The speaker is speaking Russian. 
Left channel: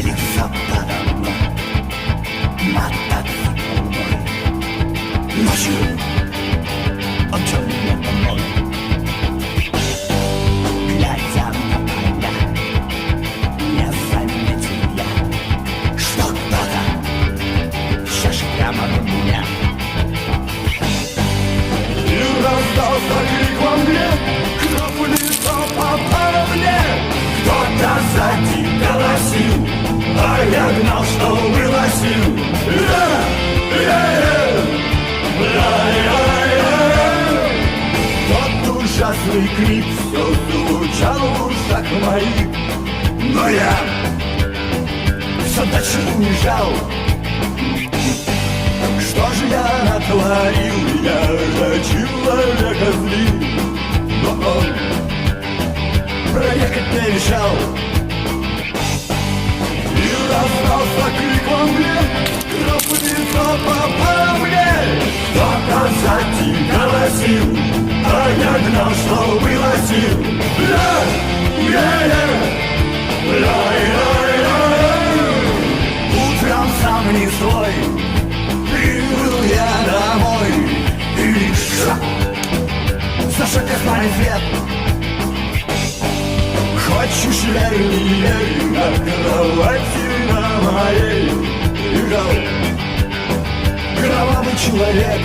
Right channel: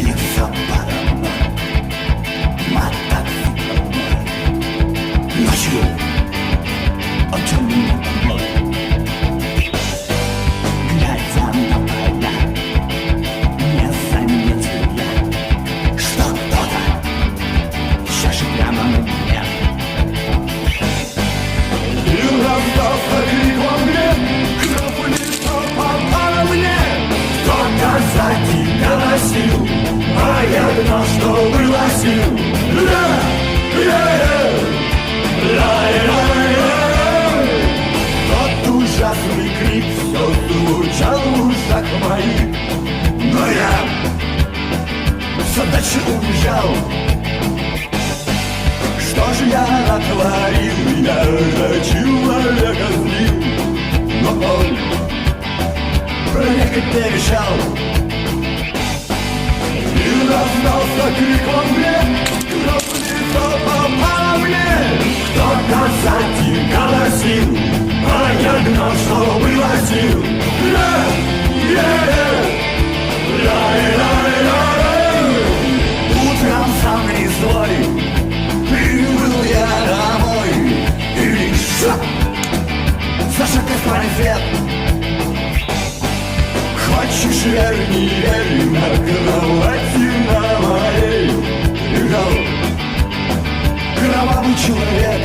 Злится подо мной мотоцикл мой. Ночью он чё мне помог. Глядя на поля, не заметил я, что кто-то чешет прямо на меня. И раздался крик во мне, кто в лицо попало мне. Кто-то сзади голосил, а я гнал, что было сил. Тот ужасный крик все звучал в ушах моих, но я все дальше уезжал. Что же я натворил? Я же человека злил, но он проехать не решал. И раздался крик во мне, кто в лицо попало мне. Кто-то сзади голосил, а я гнал, что было сил. Утром сам не свой прибыл я домой, и лишь зажег свой свет. Хочешь верь, не верь, на кровати на моей лежал кровавый человек.